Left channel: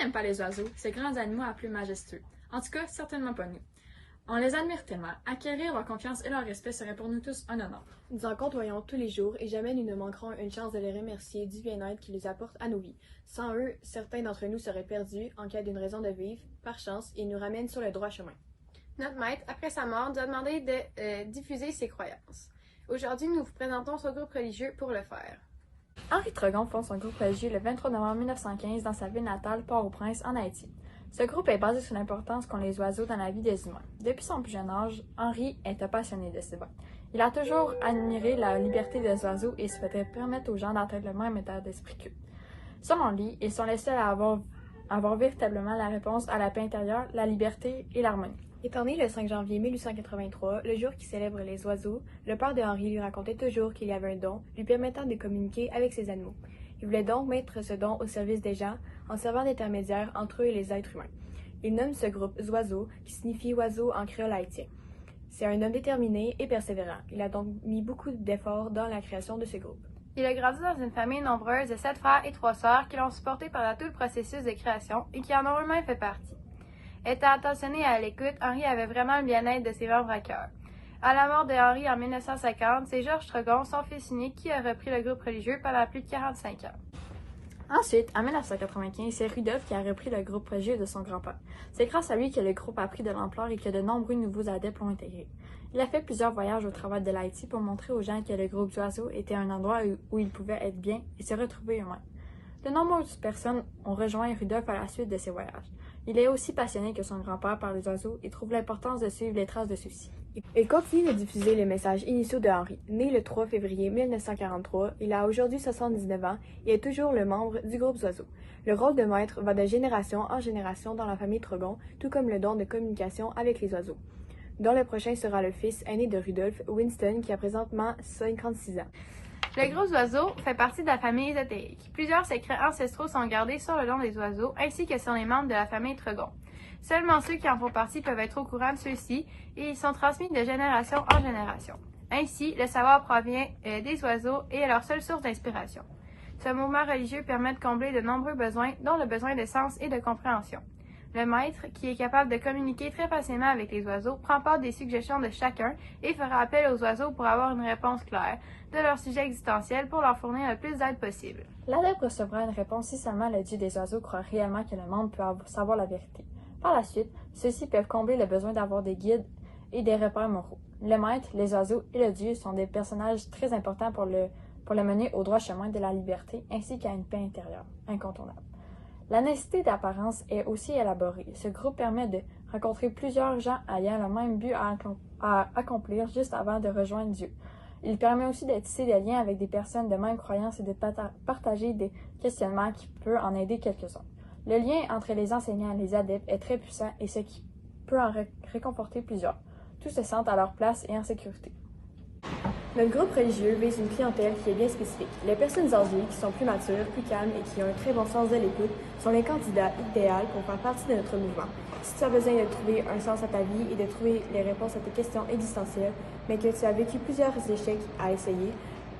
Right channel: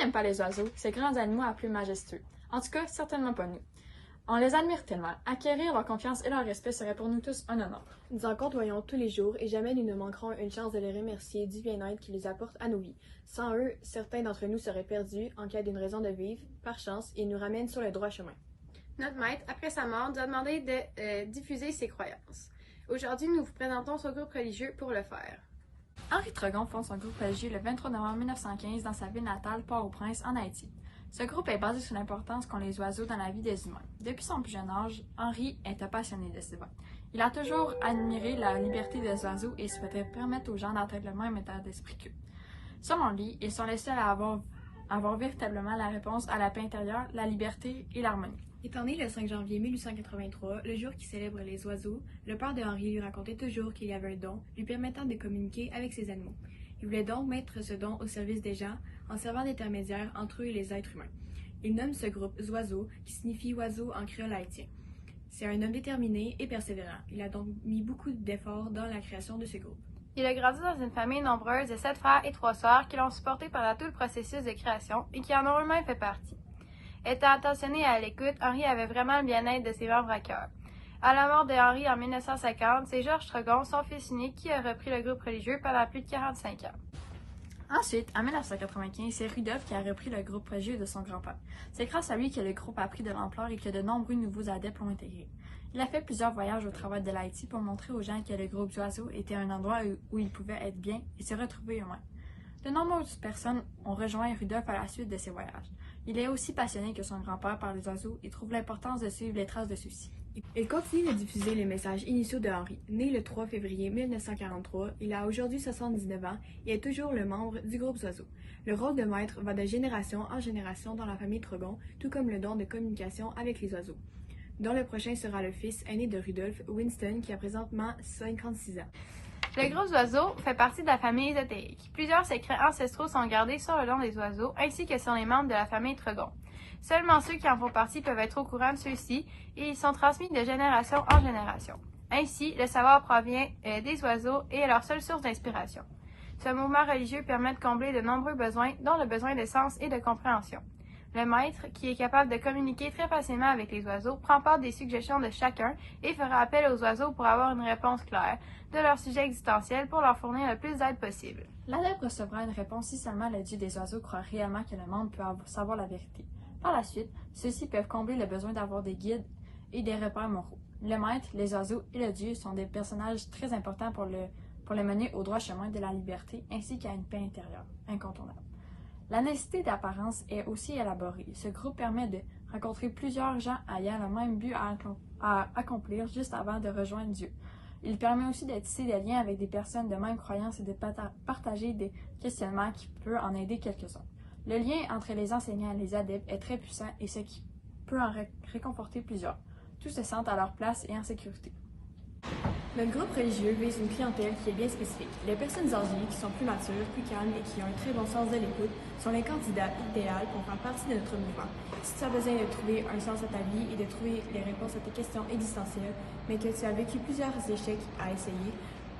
n'aime pas les oiseaux, ces grands animaux à plumes majestueux? En tout cas, certainement pas nous. On les admire tellement. Acquérir leur confiance et leur respect serait pour nous tous un honneur. Nous en côtoyons tous les jours et jamais nous ne manquerons une chance de les remercier du bien-être qu'ils apportent à nos vies. Sans eux, certains d'entre nous seraient perdus en cas d'une raison de vivre. Par chance, ils nous ramènent sur le droit chemin. Notre maître, après sa mort, nous a demandé de diffuser ses croyances. Aujourd'hui, nous vous présentons son groupe religieux pour le faire. Henri Tregon fonde son groupe religieux le 23 novembre 1915 dans sa ville natale, Port-au-Prince, en Haïti. Ce groupe est basé sur l'importance qu'ont les oiseaux dans la vie des humains. Depuis son plus jeune âge, Henri est un passionné de ces bains. Il a toujours admiré la liberté des oiseaux et souhaitait permettre aux gens d'atteindre le même état d'esprit qu'eux. Selon lui, ils sont les seuls à avoir véritablement la réponse à la paix intérieure, la liberté et l'harmonie. Étant né le 5 janvier 1883, le jour qui célèbre les oiseaux, le père de Henri lui racontait toujours qu'il y avait un don lui permettant de communiquer avec ses animaux. Il voulait donc mettre ce don au service des gens en servant d'intermédiaire entre eux et les êtres humains. Il nomme ce groupe Zoiseau, qui signifie oiseau en créole haïtien. C'est un homme déterminé et persévérant. Il a donc mis beaucoup d'efforts dans la création de ce groupe. Il a grandi dans une famille nombreuse de 7 frères et 3 sœurs qui l'ont supporté pendant tout le processus de création et qui en ont eux-mêmes fait partie. Étant attentionné à l'écoute, Henri avait vraiment le bien-être de ses membres à cœur. À la mort de Henri en 1950, c'est Georges Tregon, son fils unique, qui a repris le groupe religieux pendant plus de 45 ans. Ensuite, en 1995, c'est Rudolph qui a repris le groupe religieux de son grand-père. C'est grâce à lui que le groupe a pris de l'ampleur et que de nombreux nouveaux adeptes l'ont intégré. Il a fait plusieurs voyages au travers de l'Haïti pour montrer aux gens que le groupe d'oiseaux était un endroit où ils pouvaient être bien et se retrouver eux-mêmes. De nombreuses personnes ont rejoint Rudolph à la suite de ces voyages. Il est aussi passionné que son grand-père par les oiseaux et trouve l'importance de suivre les traces de ceux-ci. Il continue de diffuser les messages initiaux de Henri. Né le 3 février 1943, il a aujourd'hui 79 ans et est toujours le membre du groupe Oiseaux. Le rôle de maître va de génération en génération dans la famille Tregon, tout comme le don de communication avec les oiseaux, dont le prochain sera le fils aîné de Rudolph, Winston, qui a présentement 56 ans. Le gros oiseau fait partie de la famille ésotérique. Plusieurs secrets ancestraux sont gardés sur le don des oiseaux, ainsi que sur les membres de la famille Tregon. Seulement ceux qui en font partie peuvent être au courant de ceux-ci, et ils sont transmis de génération en génération. Ainsi, le savoir provient des oiseaux et est leur seule source d'inspiration. Ce mouvement religieux permet de combler de nombreux besoins, dont le besoin de sens et de compréhension. Le maître, qui est capable de communiquer très facilement avec les oiseaux, prend part des suggestions de chacun et fera appel aux oiseaux pour avoir une réponse claire de leur sujet existentiel pour leur fournir le plus d'aide possible. L'adepte recevra une réponse si seulement le dieu des oiseaux croit réellement que le monde peut savoir la vérité. Par la suite, ceux-ci peuvent combler le besoin d'avoir des guides et des repères moraux. Le maître, les oiseaux et le dieu sont des personnages très importants pour le mener au droit chemin de la liberté ainsi qu'à une paix intérieure incontournable. La nécessité d'apparence est aussi élaborée. Ce groupe permet de rencontrer plusieurs gens ayant le même but à accomplir juste avant de rejoindre Dieu. Il permet aussi de tisser des liens avec des personnes de même croyance et de partager des questionnements qui peuvent en aider quelques-uns. Le lien entre les enseignants et les adeptes est très puissant et ce qui peut en réconforter plusieurs. Tous se sentent à leur place et en sécurité. Notre groupe religieux vise une clientèle qui est bien spécifique. Les personnes âgées qui sont plus matures, plus calmes et qui ont un très bon sens de l'écoute sont les candidats idéaux pour faire partie de notre mouvement. Si tu as besoin de trouver un sens à ta vie et de trouver les réponses à tes questions existentielles, mais que tu as vécu plusieurs échecs à essayer,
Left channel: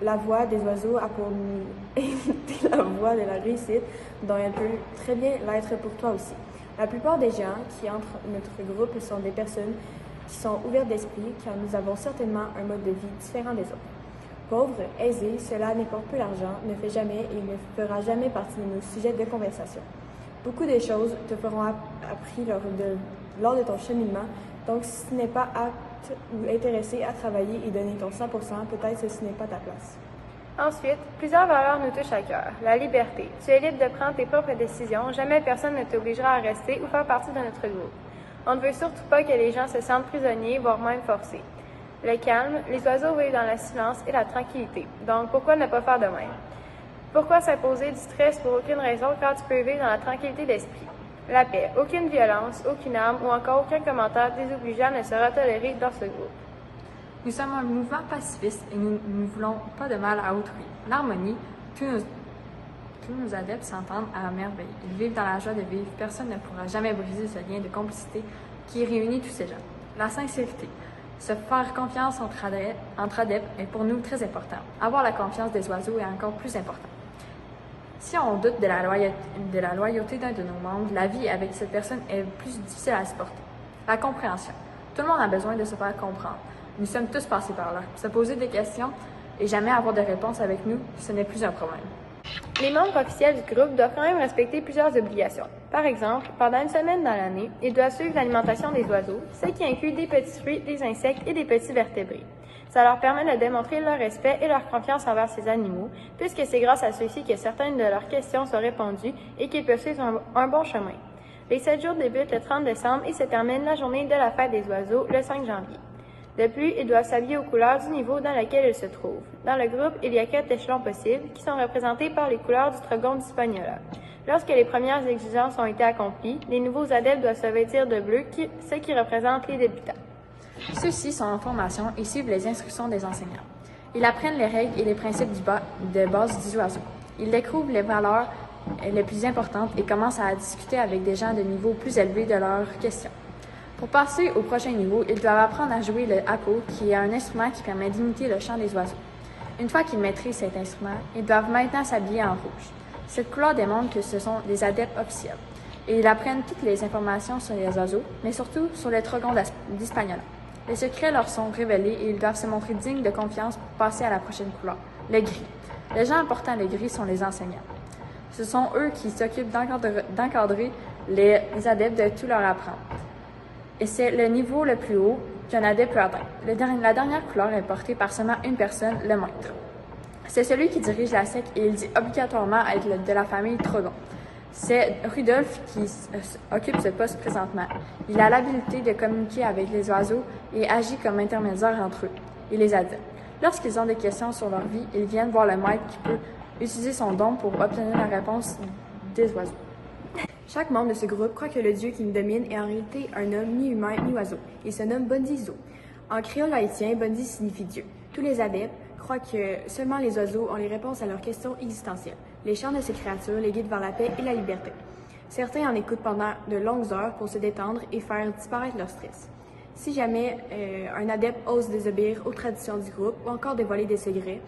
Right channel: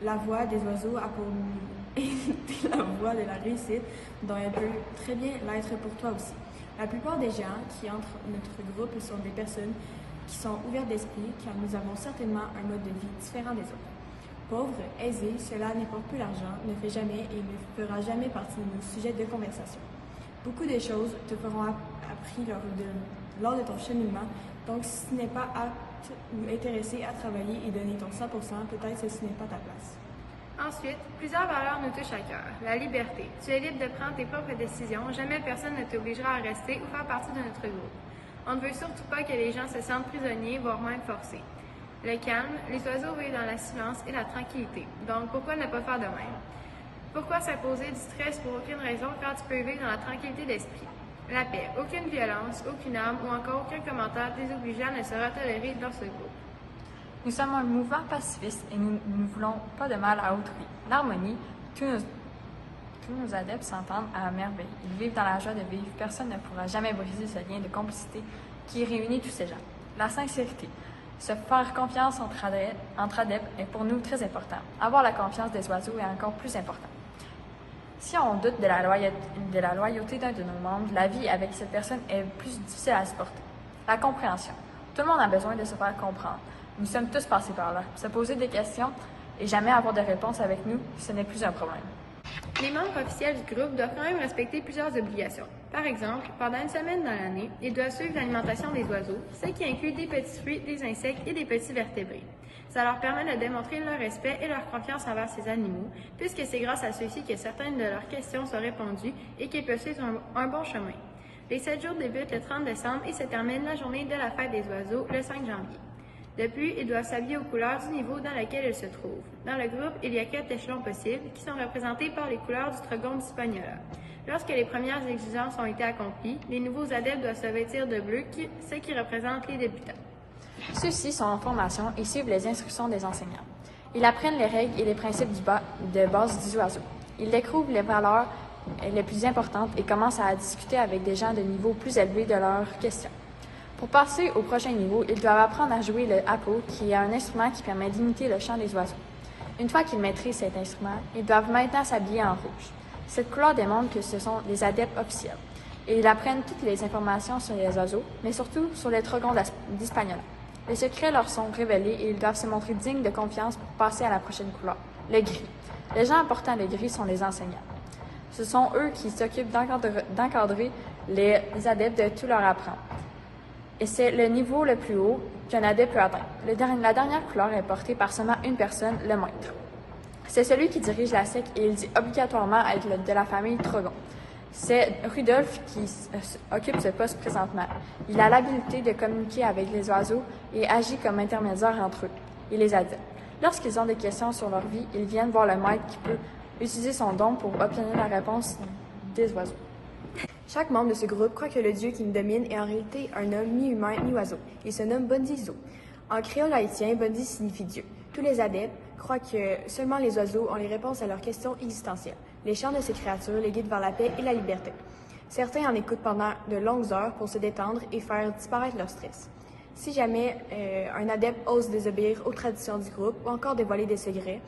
la voix des oiseaux a pour nous été la voie de la réussite, dont elle peut très bien l'être pour toi aussi. La plupart des gens qui entrent notre groupe sont des personnes qui sont ouvertes d'esprit, car nous avons certainement un mode de vie différent des autres. Pauvres, aisés, cela n'importe peu l'argent, ne fait jamais et ne fera jamais partie de nos sujets de conversation. Beaucoup de choses te feront appris lors de ton cheminement, donc si tu n'es pas apte ou intéressé à travailler et donner ton 100%, peut-être que ce n'est pas ta place. Ensuite, plusieurs valeurs nous touchent à cœur. La liberté. Tu es libre de prendre tes propres décisions, jamais personne ne t'obligera à rester ou faire partie de notre groupe. On ne veut surtout pas que les gens se sentent prisonniers, voire même forcés. Le calme, les oiseaux vivent dans le silence et la tranquillité. Donc, pourquoi ne pas faire de même? Pourquoi s'imposer du stress pour aucune raison quand tu peux vivre dans la tranquillité d'esprit? La paix, aucune violence, aucune arme ou encore aucun commentaire désobligeant ne sera toléré dans ce groupe. Nous sommes un mouvement pacifiste et nous ne voulons pas de mal à autrui. L'harmonie, tous nos adeptes s'entendent à merveille. Ils vivent dans la joie de vivre. Personne ne pourra jamais briser ce lien de complicité qui réunit tous ces gens. La sincérité. Se faire confiance entre adeptes est pour nous très important. Avoir la confiance des oiseaux est encore plus important. Si on doute de la loyauté d'un de nos membres, la vie avec cette personne est plus difficile à supporter. La compréhension. Tout le monde a besoin de se faire comprendre. Nous sommes tous passés par là. Se poser des questions et jamais avoir de réponse avec nous, ce n'est plus un problème. Les membres officiels du groupe doivent quand même respecter plusieurs obligations. Par exemple, pendant une semaine dans l'année, ils doivent suivre l'alimentation des oiseaux, ce qui inclut des petits fruits, des insectes et des petits vertébrés. Ça leur permet de démontrer leur respect et leur confiance envers ces animaux, puisque c'est grâce à ceux-ci que certaines de leurs questions sont répondues et qu'ils peuvent suivre un bon chemin. Les 7 jours débutent le 30 décembre et se terminent la journée de la fête des oiseaux, le 5 janvier. De plus, ils doivent s'habiller aux couleurs du niveau dans lequel ils se trouvent. Dans le groupe, il y a 4 échelons possibles qui sont représentés par les couleurs du Trogon d'Hispaniola. Lorsque les premières exigences ont été accomplies, les nouveaux adeptes doivent se vêtir de bleu, ce qui représente les débutants. Ceux-ci sont en formation et suivent les instructions des enseignants. Ils apprennent les règles et les principes de base du oiseau. Ils découvrent les valeurs les plus importantes et commencent à discuter avec des gens de niveau plus élevé de leurs questions. Pour passer au prochain niveau, ils doivent apprendre à jouer le hapo, qui est un instrument qui permet d'imiter le chant des oiseaux. Une fois qu'ils maîtrisent cet instrument, ils doivent maintenant s'habiller en rouge. Cette couleur démontre que ce sont des adeptes officiels. Et ils apprennent toutes les informations sur les oiseaux, mais surtout sur le Trogon d'Hispaniola. Les secrets leur sont révélés et ils doivent se montrer dignes de confiance pour passer à la prochaine couleur, le gris. Les gens apportant le gris sont les enseignants. Ce sont eux qui s'occupent d'encadrer les adeptes de tout leur apprendre. Et c'est le niveau le plus haut qu'un adepte peut atteindre. La dernière couleur est portée par seulement une personne, le maître. C'est celui qui dirige la secte et il dit obligatoirement être de la famille Trogon. C'est Rudolf qui occupe ce poste présentement. Il a l'habileté de communiquer avec les oiseaux et agit comme intermédiaire entre eux et les adeptes. Lorsqu'ils ont des questions sur leur vie, ils viennent voir le maître qui peut utiliser son don pour obtenir la réponse des oiseaux. Chaque membre de ce groupe croit que le dieu qui nous domine est en réalité un homme mi-humain, mi-oiseau. Il se nomme Bondizo. En créole haïtien, Bondi signifie Dieu. Tous les adeptes croient que seulement les oiseaux ont les réponses à leurs questions existentielles. Les chants de ces créatures les guident vers la paix et la liberté. Certains en écoutent pendant de longues heures pour se détendre et faire disparaître leur stress. Si jamais un adepte ose désobéir aux traditions du groupe ou encore de voler des secrets,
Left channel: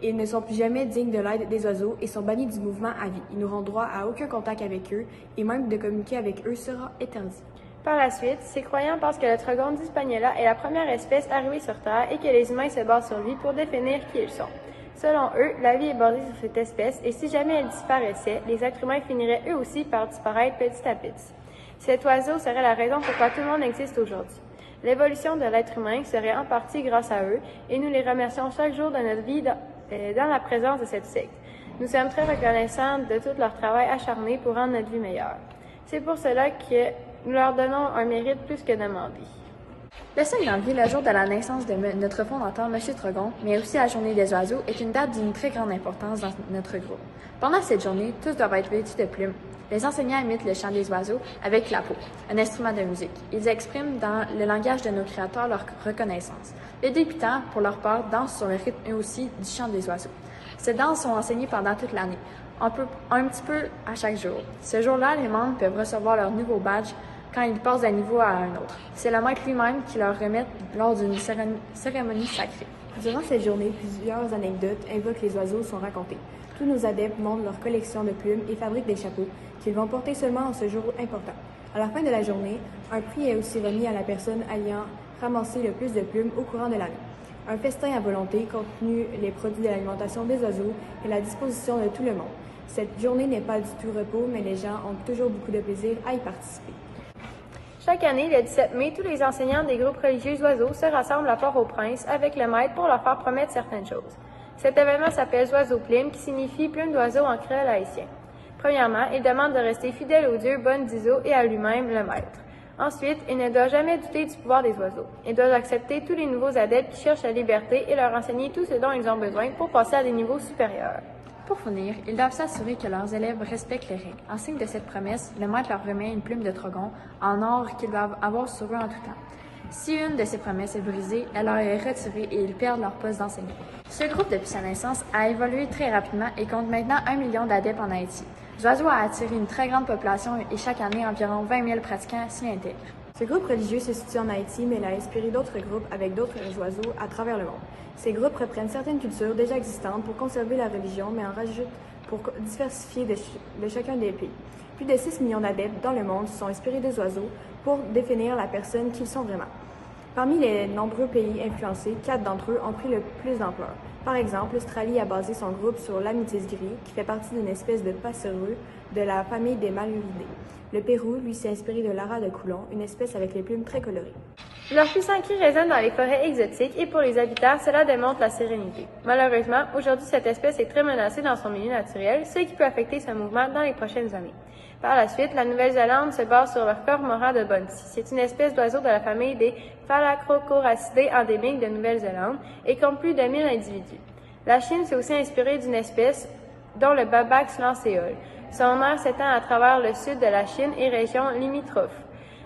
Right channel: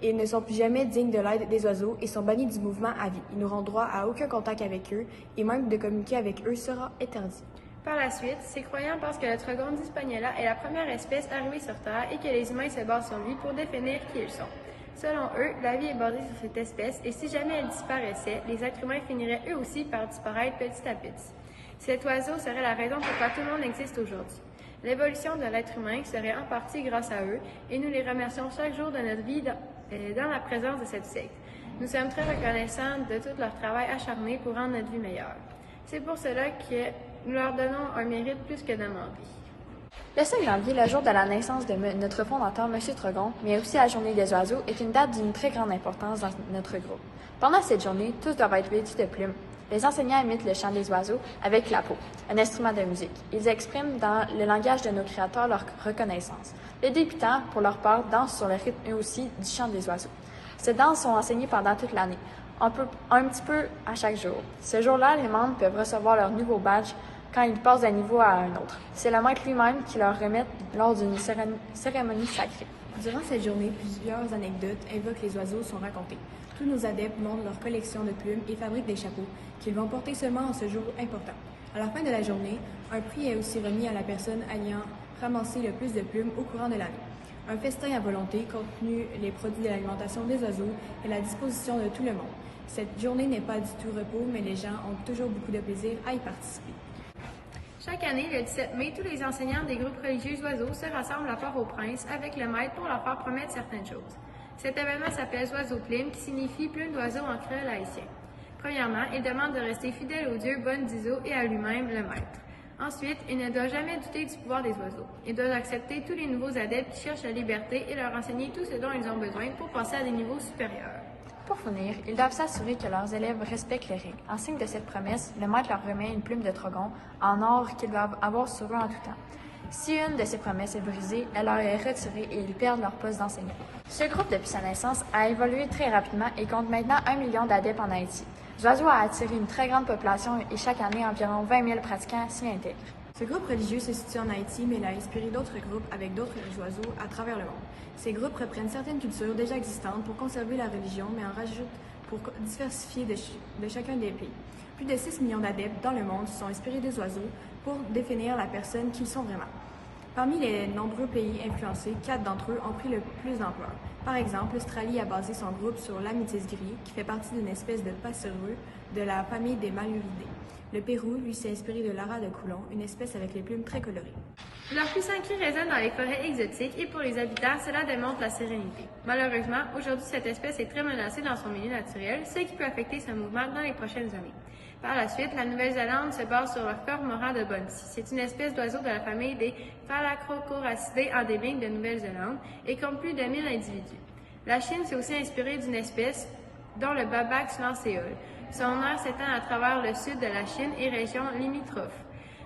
ils ne sont plus jamais dignes de l'aide des oiseaux et sont bannis du mouvement à vie. Ils n'auront droit à aucun contact avec eux et même de communiquer avec eux sera interdit. Par la suite, ces croyants pensent que le Trogon d'Hispaniola est la première espèce arrivée sur Terre et que les humains se basent sur lui pour définir qui ils sont. Selon eux, la vie est basée sur cette espèce et si jamais elle disparaissait, les êtres humains finiraient eux aussi par disparaître petit à petit. Cet oiseau serait la raison pourquoi tout le monde existe aujourd'hui. L'évolution de l'être humain serait en partie grâce à eux et nous les remercions chaque jour de notre vie dans la présence de cette secte. Nous sommes très reconnaissants de tout leur travail acharné pour rendre notre vie meilleure. C'est pour cela que nous leur donnons un mérite plus que demandé. Le 5 janvier, le jour de la naissance de notre fondateur, M. Trogon, mais aussi la journée des oiseaux, est une date d'une très grande importance dans notre groupe. Pendant cette journée, tous doivent être vêtus de plumes. Les enseignants imitent le chant des oiseaux avec la peau, un instrument de musique. Ils expriment dans le langage de nos créateurs leur reconnaissance. Les débutants, pour leur part, dansent sur le rythme eux aussi du chant des oiseaux. Ces danses sont enseignées pendant toute l'année, un petit peu à chaque jour. Ce jour-là, les membres peuvent recevoir leur nouveau badge quand ils passent d'un niveau à un autre. C'est le maître lui-même qui leur remet lors d'une cérémonie sacrée. Durant cette journée, plusieurs anecdotes invoquent les oiseaux sont racontées. Tous nos adeptes montrent leur collection de plumes et fabriquent des chapeaux qu'ils vont porter seulement en ce jour important. À la fin de la journée, un prix est aussi remis à la personne ayant ramassé le plus de plumes au courant de l'année. Un festin à volonté, contenu les produits de l'alimentation des oiseaux, est à la disposition de tout le monde. Cette journée n'est pas du tout repos, mais les gens ont toujours beaucoup de plaisir à y participer. Chaque année, le 17 mai, tous les enseignants des groupes religieux oiseaux se rassemblent à Port-au-Prince avec le maître pour leur faire promettre certaines choses. Cet événement s'appelle Oiseau Plume, qui signifie plume d'oiseau en créole haïtien. Premièrement, il demande de rester fidèle au dieu Bondizo et à lui-même, le maître. Ensuite, il ne doit jamais douter du pouvoir des oiseaux. Il doit accepter tous les nouveaux adeptes qui cherchent la liberté et leur enseigner tout ce dont ils ont besoin pour passer à des niveaux supérieurs. Pour finir, ils doivent s'assurer que leurs élèves respectent les règles. En signe de cette promesse, le maître leur remet une plume de Trogon en or qu'ils doivent avoir sur eux en tout temps. Si une de ces promesses est brisée, elle leur est retirée et ils perdent leur poste d'enseignant. Ce groupe, depuis sa naissance, a évolué très rapidement et compte maintenant 1 million d'adeptes en Haïti. L'oiseau a attiré une très grande population et chaque année, environ 20 000 pratiquants s'y intègrent. Ce groupe religieux se situe en Haïti, mais il a inspiré d'autres groupes avec d'autres oiseaux à travers le monde. Ces groupes reprennent certaines cultures déjà existantes pour conserver la religion, mais en rajoutent pour diversifier de chacun des pays. Plus de 6 millions d'adeptes dans le monde sont inspirés des oiseaux pour définir la personne qu'ils sont vraiment. Parmi les nombreux pays influencés, 4 d'entre eux ont pris le plus d'ampleur. Par exemple, l'Australie a basé son groupe sur l'améthyste gris, qui fait partie d'une espèce de passereux de la famille des Maluridés. Le Pérou, lui, s'est inspiré de l'ara de Coulon, une espèce avec les plumes très colorées. Leur puissant cri résonne dans les forêts exotiques et pour les habitants, cela démontre la sérénité. Malheureusement, aujourd'hui, cette espèce est très menacée dans son milieu naturel, ce qui peut affecter son mouvement dans les prochaines années. Par la suite, la Nouvelle-Zélande se base sur le cormoran de Bunty. C'est une espèce d'oiseau de la famille des Phalacrocoracidés endémiques de Nouvelle-Zélande et compte plus de 1000 individus. La Chine s'est aussi inspirée d'une espèce dont le Babax lanceol. Son aire s'étend à travers le sud de la Chine et régions limitrophes,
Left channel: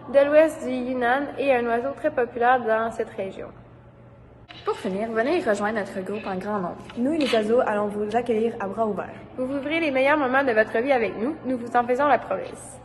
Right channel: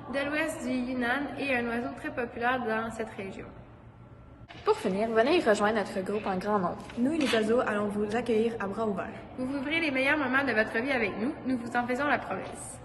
de l'ouest du Yunnan et un oiseau très populaire dans cette région. Pour finir, venez rejoindre notre groupe en grand nombre. Nous, les oiseaux, allons vous accueillir à bras ouverts. Vous vivrez les meilleurs moments de votre vie avec nous, nous vous en faisons la promesse.